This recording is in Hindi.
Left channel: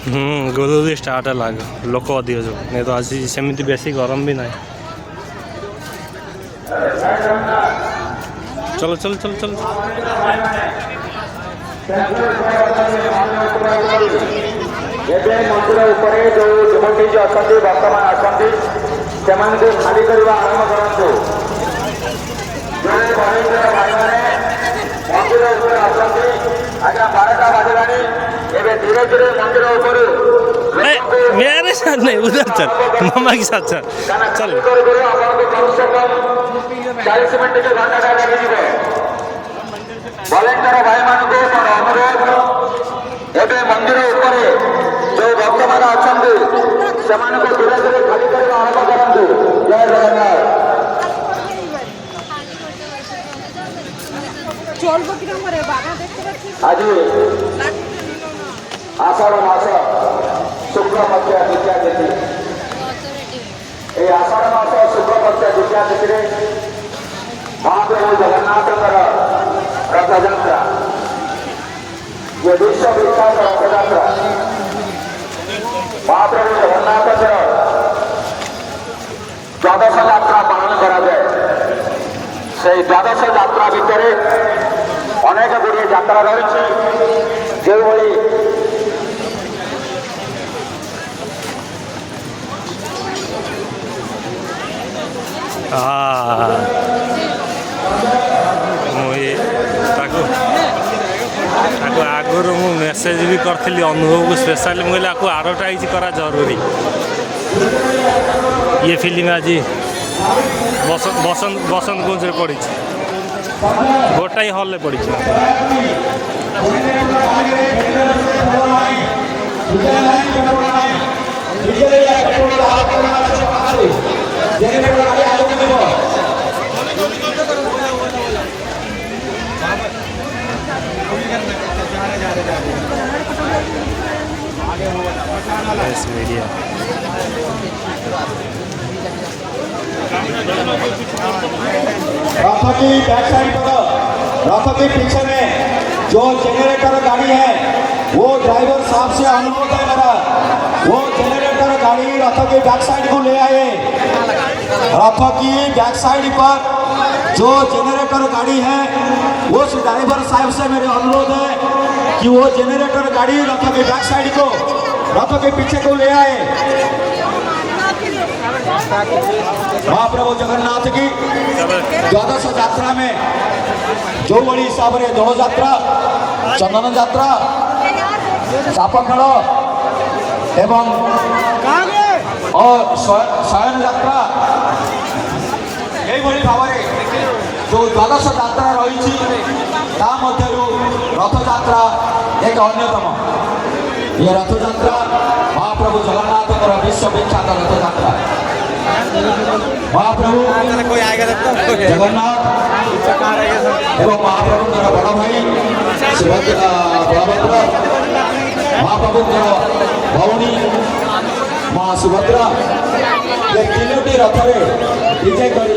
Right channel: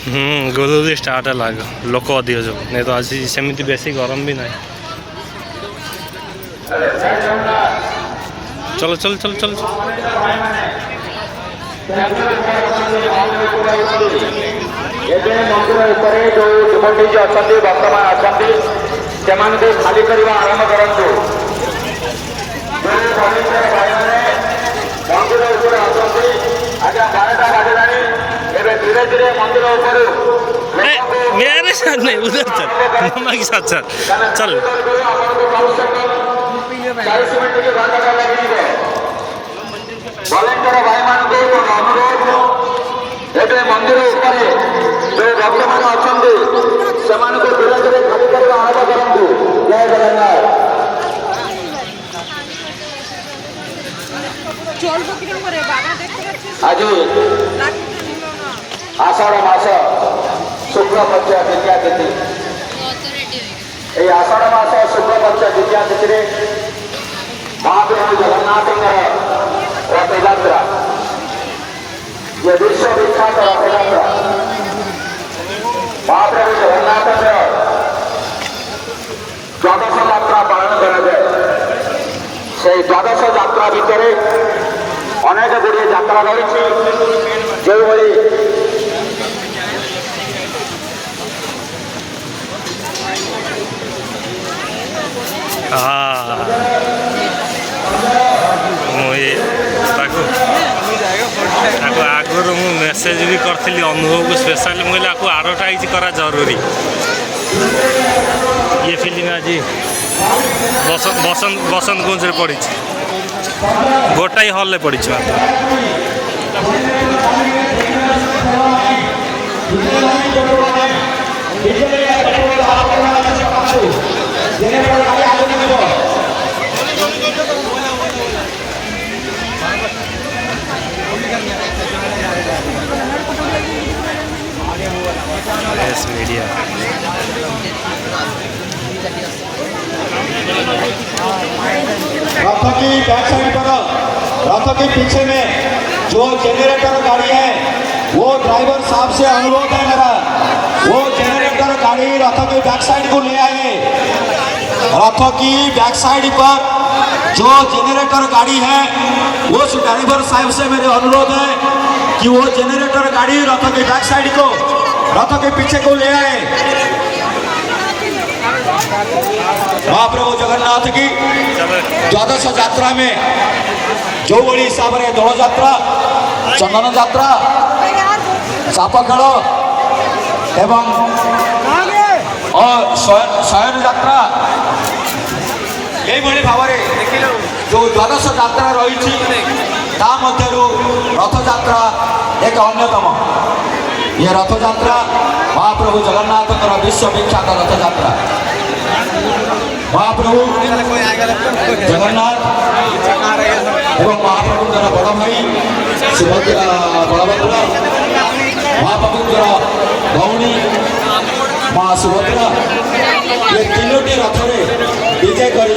गोदूदी स्टार्ट है लाग लोक अधिक जो नहीं तो आज सेमती बेसी गरम भी ना। चलो चलो चलो चलो खाली करवा आरंभ करूँ मंदिर उपर आसती आज्ञा 12टा बाजिलानी एवं धीरे धीरे मंदिर उपर मेरे साथ नहीं उधर चल मामा के साथ चल चल 40 मिनट के घंटा का लगे वॉलेंटियर भाई मान को अनुरोध एवं मंदिर उपर जो भक्त मान अच्छा से धीरे धीरे खाली करवा आरंभ करूँ। जय जगन्नाथ। आज आषाढ़ मास शुक्ल पक्ष द्वितीया तिथि आषाढ़ मास शुक्ल पक्ष द्वितीया तिथि महाप्रभु जगन्नाथ रथयात्रा ये विश्व विख्यात रथयात्रा महाप्रभु जगन्नाथ द्वादश यात्रा पालन करा जाए से द्वादश यात्रा भितर अनेक गुड़िए यात्रा रही जो आगुरी मु मेसेज भी करी अनुभव को स्पेशल मुझे आडभटाइज करा जरूरी ये फिल्म आज बसंत कुंज पड़ी गोटाई हल पड़ी मात्र मीडिया रथ की बैक साइड पर रथ के पीछे में जो जनरेटर गाड़ी है वो ड्राइवर साहब से अनुरोध है मेरा वो जनरेटर गाड़ी रथ के बैक साइड को ले आए। रथ की बैक साइड पर जो जनरेटर गाड़ी है वो ड्राइवर साहब से मेरे अनुरोध है कि वो जनरेटर गाड़ी रथ के बैक साइड को रथ के पीछे को ले आए। महाप्रभु जगन्नाथ की द्वादश यात्रा में जो बड़ी हिसाब से दौड़ यात्रा चंदन यात्रा चाप खेल एवं शयन यात्रा यही भाव में जो द्वादश यात्रा रही रथ यात्रा एक अन्यतम ये रथ यात्रा महाप्रभु जगन्नाथ विश्व विख्यात रथ यात्रा महाप्रभु जगन्नाथ एवं महाप्रभु बड़ भाई बलभद्र महाप्रभु भौणी माँ सुभद्रा ये 3टी रथ विजय कर